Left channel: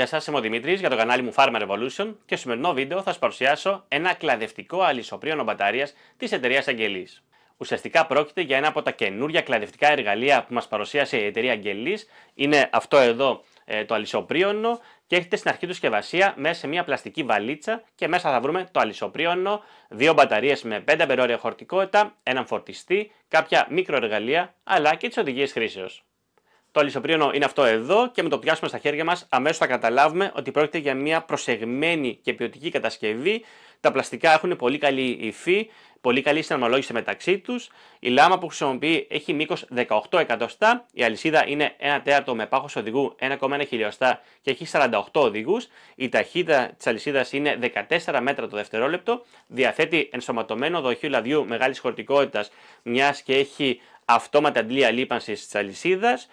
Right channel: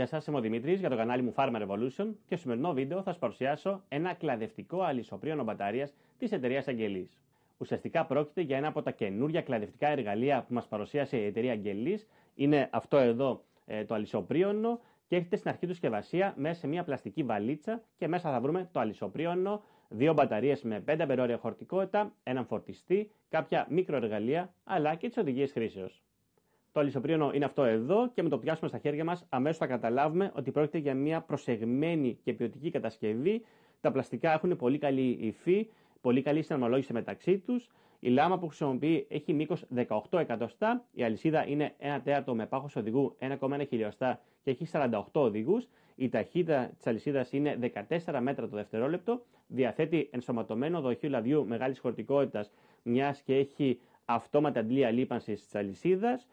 Γεια σας, είμαι ο Δημήτρης για το κανάλι μου Farmer Revolution και στο σημερινό βίντεο θα σας παρουσιάσω ένα κλαδευτικό αλυσοπρίωνο μπαταρίας της εταιρείας Αγγελής. Ουσιαστικά πρόκειται για ένα από τα καινούργια κλαδευτικά εργαλεία που μας παρουσίασε η εταιρεία Αγγελής. Είναι αυτό εδώ το αλυσοπρίωνο και έχετε στην αρχή του συσκευασία μέσα σε μια πλαστική βαλίτσα και μέσα θα βρούμε το αλυσοπρίωνο, 2 μπαταρίες με 5 αμπερόρια χωρητικότητα, έναν φορτιστή, κάποια μικροεργαλεία αλλά και τις οδηγίες χρήσεως. Το αλυσοπρίωνο είναι αυτό εδώ και με το πιάσουμε στα χέρια μας αμέσως θα καταλάβουμε ότι πρόκειται για μια προσεγμένη και ποιοτική κατασκευή. Τα πλαστικά έχουν πολύ καλή υφή, πολύ καλή συναρμολόγηση μεταξύ τους. Η λάμα που χρησιμοποιεί έχει μήκος 18 εκατοστά. Η αλυσίδα είναι 1 τέταρτο με πάχος οδηγού 1,1 χιλιοστά και έχει 48 οδηγούς. Η ταχύτητα της αλυσίδας είναι 14 μέτρα το δευτερόλεπτο. Διαθέτει ενσωματωμένο δοχείο λαδιού μεγάλης χωρητικότητας, μιας και έχει αυτόματη αντλία λείπανσης της αλυσίδας.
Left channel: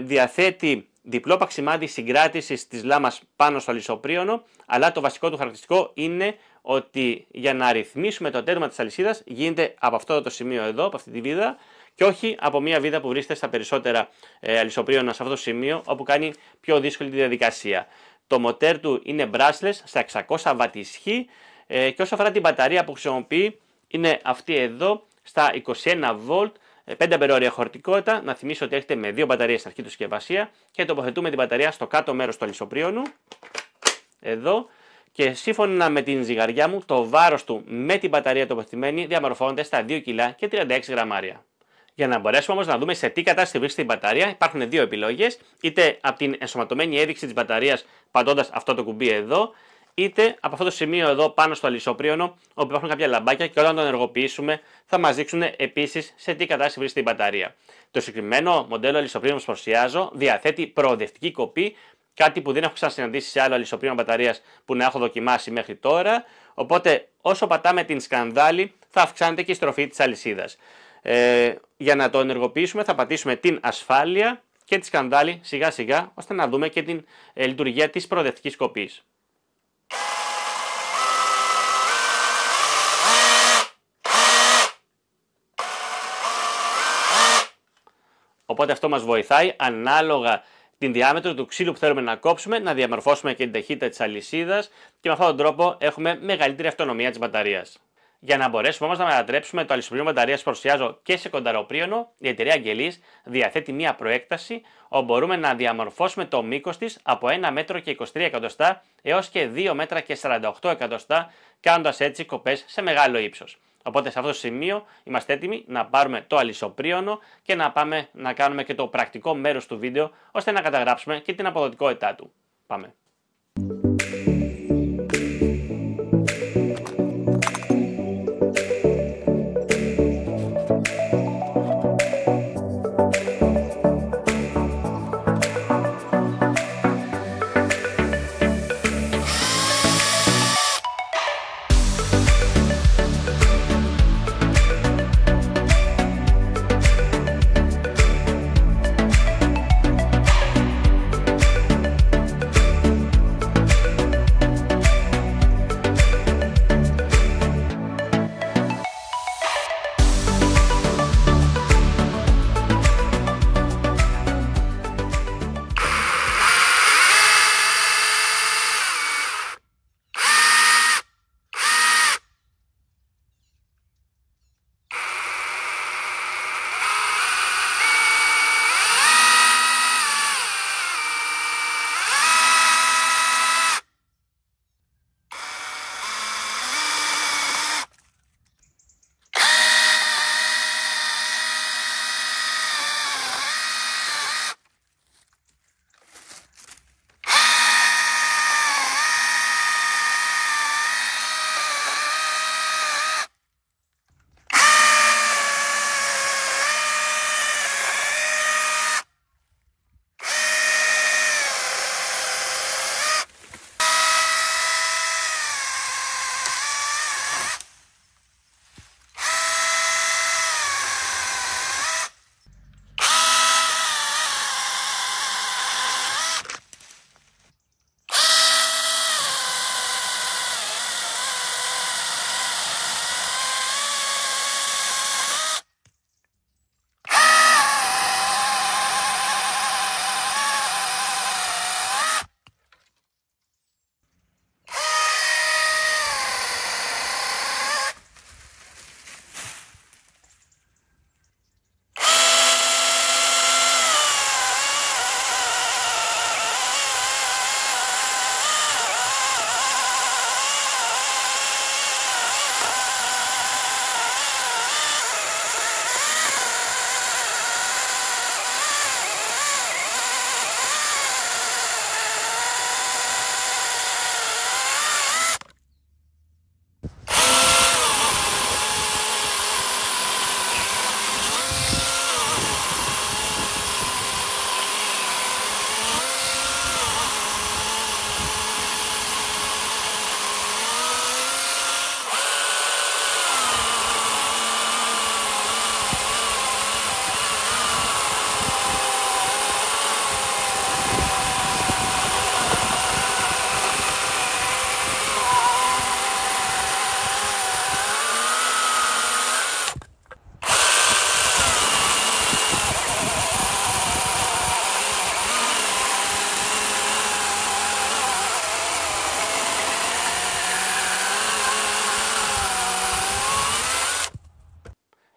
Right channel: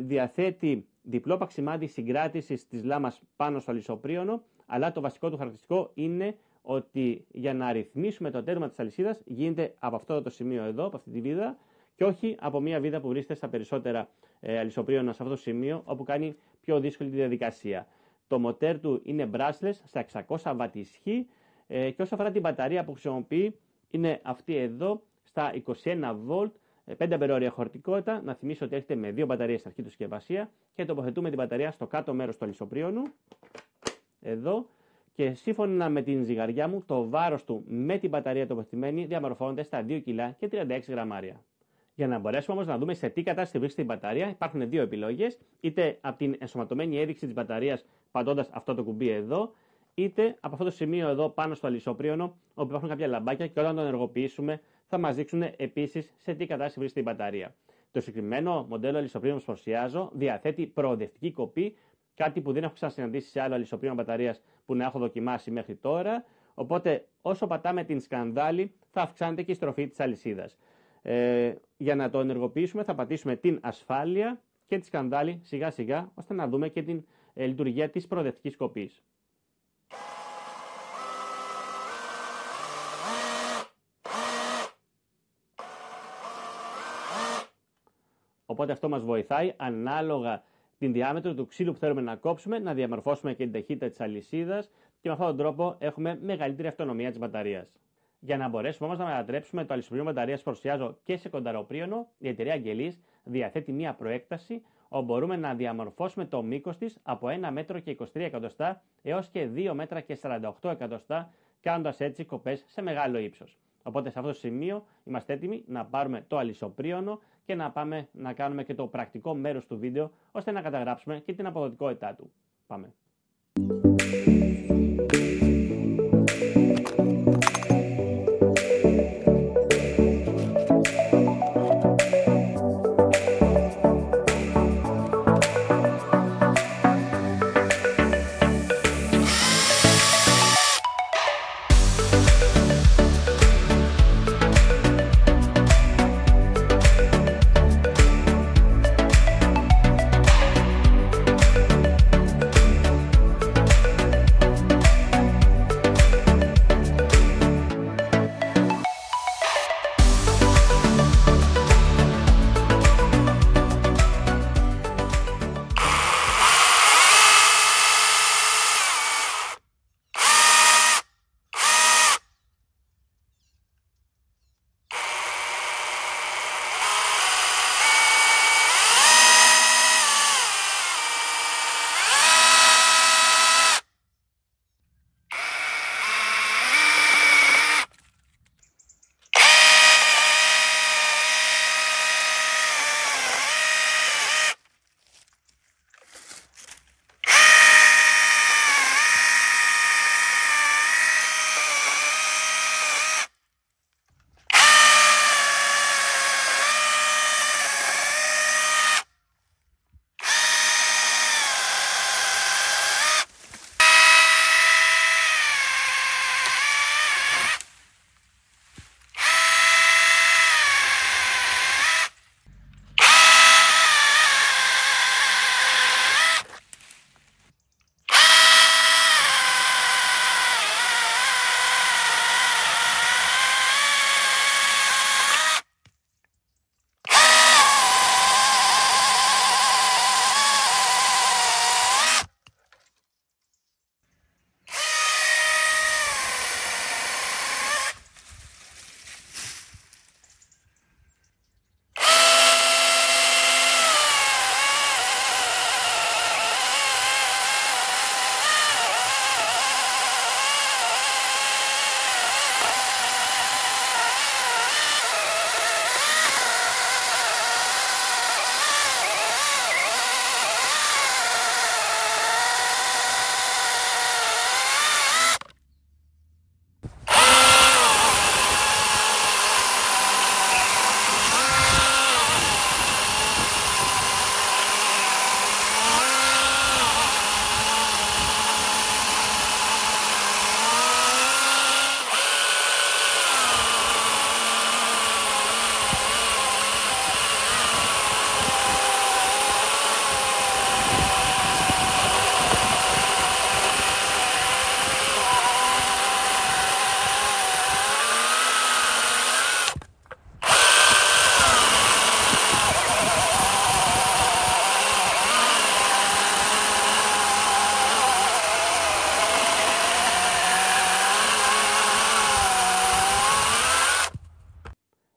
Διαθέτει διπλό παξιμάδι συγκράτησης της λάμας πάνω στο αλυσοπρίωνο, αλλά το βασικό του χαρακτηριστικό είναι ότι για να ρυθμίσουμε το τέρμα της αλυσίδας γίνεται από αυτό το σημείο εδώ, από αυτή τη βίδα, και όχι από μια βίδα που βρίσκεται στα περισσότερα αλυσοπρίωνα σε αυτό το σημείο, όπου κάνει πιο δύσκολη τη διαδικασία. Το μοτέρ του είναι brushless στα 600 W ισχύ και όσο αφορά την μπαταρία που χρησιμοποιεί είναι αυτή εδώ στα 21 V. 5 αμπερόρια χωρητικότητα. Να θυμίσω ότι έχετε με 2 μπαταρίες στην αρχή του συσκευασία και τοποθετούμε την μπαταρία στο κάτω μέρος του αλυσοπρίωνου. Εδώ. Και σύμφωνα με την ζυγαριά μου, το βάρος του με την μπαταρία τοποθετημένη διαμορφώνεται στα 2 κιλά και 36 γραμμάρια. Για να μπορέσουμε όμως να δούμε σε τι κατάσταση βρίσκεται η μπαταρία, υπάρχουν δύο επιλογές. Είτε από την ενσωματωμένη έδειξη της μπαταρίας πατώντας αυτό το κουμπί εδώ, είτε από αυτό το σημείο εδώ πάνω στο αλυσοπρίωνο, όπου υπάρχουν κάποια λαμπάκια και όταν το ενεργοποιήσουμε θα μας δείξουν επίσης σε τι κατάσταση βρίσκεται η μπαταρία. Το συγκεκριμένο μοντέλο αλυσοπρίωνου που παρουσιάζω διαθέτει προοδευτική κοπή, κάτι που δεν έχω ξανασυναντήσει σε άλλο αλυσοπρίωνο μπαταρίας που να έχω δοκιμάσει μέχρι τώρα. Οπότε όσο πατάμε την σκανδάλη θα αυξάνεται και η στροφή της αλυσίδας. Για να το ενεργοποιήσουμε θα πατήσουμε την ασφάλεια και τη σκανδάλη σιγά σιγά ώστε να δούμε και την λειτουργία της προοδευτικής κοπής. Οπότε αυτό μας βοηθάει ανάλογα την διάμετρο του ξύλου που θέλουμε να κόψουμε, να διαμορφώσουμε και την ταχύτητα της αλυσίδας και με αυτόν τον τρόπο έχουμε μεγαλύτερη αυτονομία της μπαταρίας. Για να μπορέσουμε όμως να μετατρέψουμε το αλυσοπρίωνο μπαταρίας που παρουσιάζω και σε κονταροπρίωνο, η εταιρεία Αγγελής διαθέτει μια προέκταση όπου μπορούμε να διαμορφώσουμε το μήκος της από 1 μέτρο και 23 εκατοστά έως και 2 μέτρα και 48 εκατοστά, κάνοντας έτσι κοπές σε μεγάλο ύψος. Οπότε σε αυτό το σημείο είμαστε έτοιμοι να πάρουμε το αλυσοπρίωνο και να πάμε να κάνουμε και το πρακτικό μέρος του βίντεο ώστε να καταγράψουμε και την αποδοτικότητά του. Πάμε!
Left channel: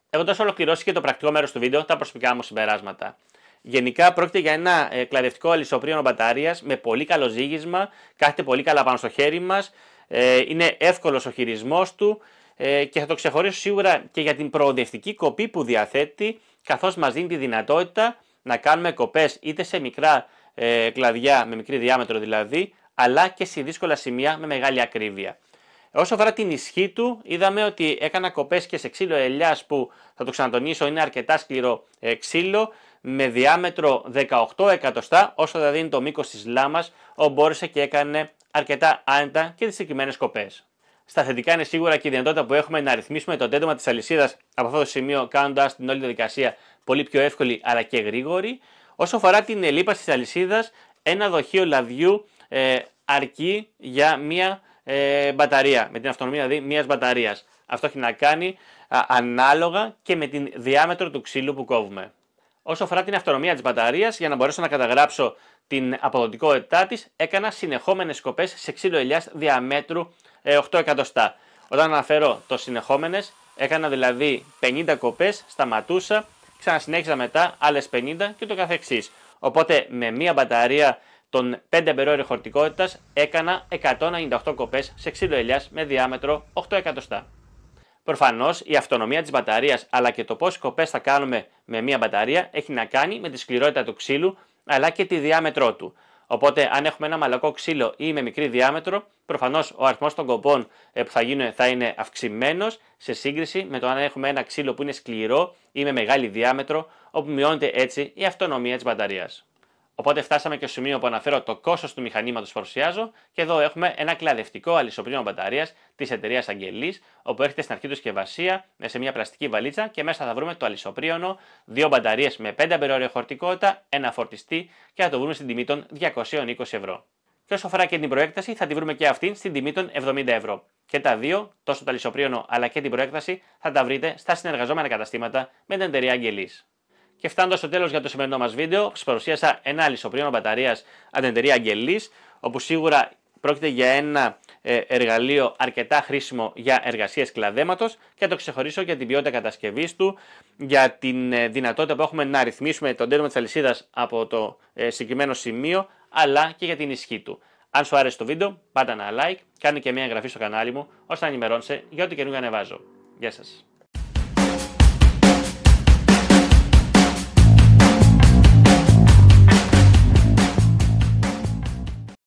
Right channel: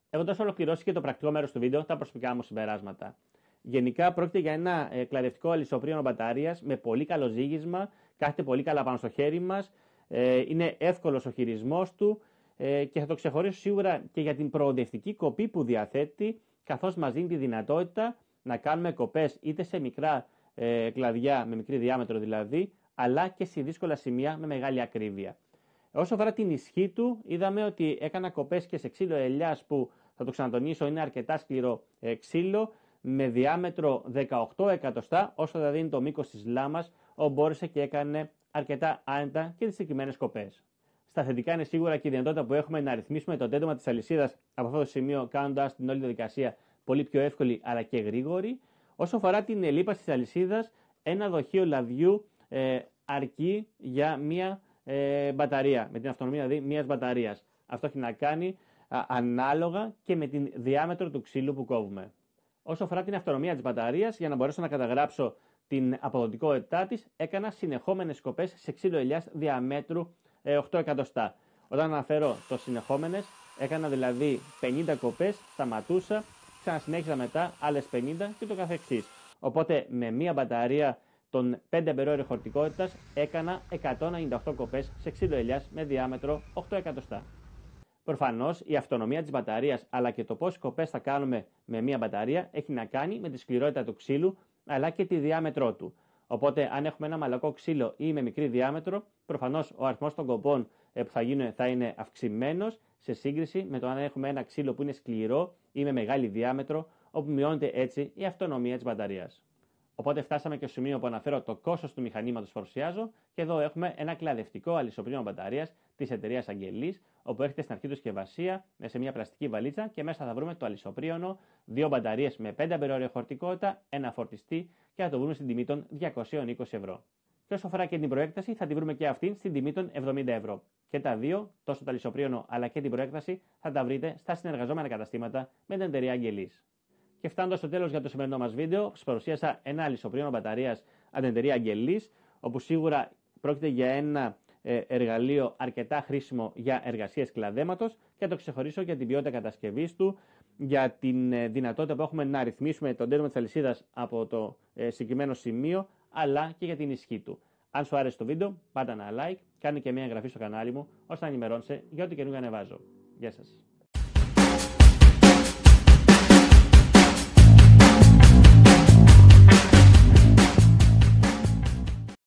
Έχοντας ολοκληρώσει και το πρακτικό μέρος του βίντεο, τα προσωπικά μου συμπεράσματα. Γενικά πρόκειται για ένα κλαδευτικό αλυσοπρίωνο μπαταρίας με πολύ καλό ζύγισμα, κάθεται πολύ καλά πάνω στο χέρι μας, είναι εύκολος ο χειρισμός του και θα το ξεχωρίσω σίγουρα και για την προοδευτική κοπή που διαθέτει, καθώς μας δίνει τη δυνατότητα να κάνουμε κοπές είτε σε μικρά κλαδιά, με μικρή διάμετρο δηλαδή, αλλά και σε δύσκολα σημεία με μεγάλη ακρίβεια. Όσο αφορά την ισχύ του, είδαμε ότι έκανα κοπές και σε ξύλο ελιάς που, θα το ξανατονίσω, είναι αρκετά σκληρό ξύλο, με διάμετρο 18 εκατοστά, όσο δηλαδή είναι το μήκος της λάμας, όπου μπόρεσε και έκανε αρκετά άνετα και τις συγκεκριμένες κοπές. Στα θετικά είναι σίγουρα και η δυνατότητα που έχουμε να ρυθμίσουμε το τέντωμα της αλυσίδας από αυτό το σημείο, κάνοντας την όλη διαδικασία πολύ πιο εύκολη αλλά και γρήγορη. Όσο αφορά την λίπαση της αλυσίδας, ένα δοχείο λαδιού αρκεί για μία μπαταρία, με την αυτονομία δηλαδή μιας μπαταρίας. Αυτό έχει να κάνει ανάλογα και με την διάμετρο του ξύλου που κόβουμε. Όσο αφορά την αυτονομία της μπαταρίας, για να μπορέσω να καταγράψω την αποδοτικότητά της, έκανα συνεχόμενες κοπές σε ξύλο ελιάς διαμέτρου 8 εκατοστά. Όταν αναφέρω το συνεχόμενες, έκανα δηλαδή 50 κοπές, σταματούσα, ξανασυνέχιζα μετά άλλες 50 και το καθεξής. Οπότε με μία μπαταρία των 5 αμπερόρια χωρητικότητας έκανα 198 κοπές σε ξύλο ελιάς με διάμετρο 8 εκατοστά. Προφανώς η αυτονομία της μπαταρίας αλλά και το πόσες κοπές θα κάνουμε με μία μπαταρία έχει να κάνει με τη σκληρότητα του ξύλου αλλά και τη διάμετρό του. Οπότε, αν έχουμε ένα μαλακό ξύλο ή με μικρή διάμετρο, προφανώς ο αριθμός των κοπών που θα γίνουν θα είναι αυξημένος σε σύγκριση με το αν έχουμε ένα ξύλο που είναι σκληρό ή με μεγάλη διάμετρο, όπου μειώνεται έτσι η αυτονομία της μπαταρίας. Οπότε φτάσαμε και στο σημείο που αναφέρω το κόστος του μηχανήματος που παρουσιάζω και εδώ έχουμε ένα κλαδευτικό αλυσοπρίωνο μπαταρίας της εταιρείας Αγγελής, όπου έρχεται στην αρχή του συσκευασία σε μια πλαστική βαλίτσα και μέσα θα βρούμε το αλυσοπρίωνο, 2 μπαταρίες με 5 αμπερόρια χωρητικότητα, ένα φορτιστή και θα το βρούμε στην τιμή των 220 ευρώ. Και όσο αφορά και την προέκταση, θα τη βρούμε και αυτή στην τιμή των 70 ευρώ. Και τα δύο, τόσο το αλυσοπρίωνο αλλά και την προέκταση, θα τα βρείτε στα συνεργαζόμενα καταστήματα με την εταιρεία Αγγελής. Και φτάνοντας στο τέλος για το σημερινό μας βίντεο, σας παρουσίασα ένα αλυσοπρίωνο μπαταρίας από την εταιρεία Αγγελής, όπου σίγουρα πρόκειται για ένα εργαλείο αρκετά χρήσιμο για εργασίες κλαδέματος και θα το ξεχωρίσω για την ποιότητα κατασκευής του, για την δυνατότητα που έχουμε να ρυθμίσουμε τον τέντωμα της αλυσίδας από το συγκεκριμένο σημείο, αλλά και για την ισχύ του. Αν σου άρεσε το βίντεο, πάτε ένα like, κάνε και μια εγγραφή στο κανάλι μου, ώστε να ενημερώνεσαι για ό,τι καινούργιο ανεβάζω. Γεια σας!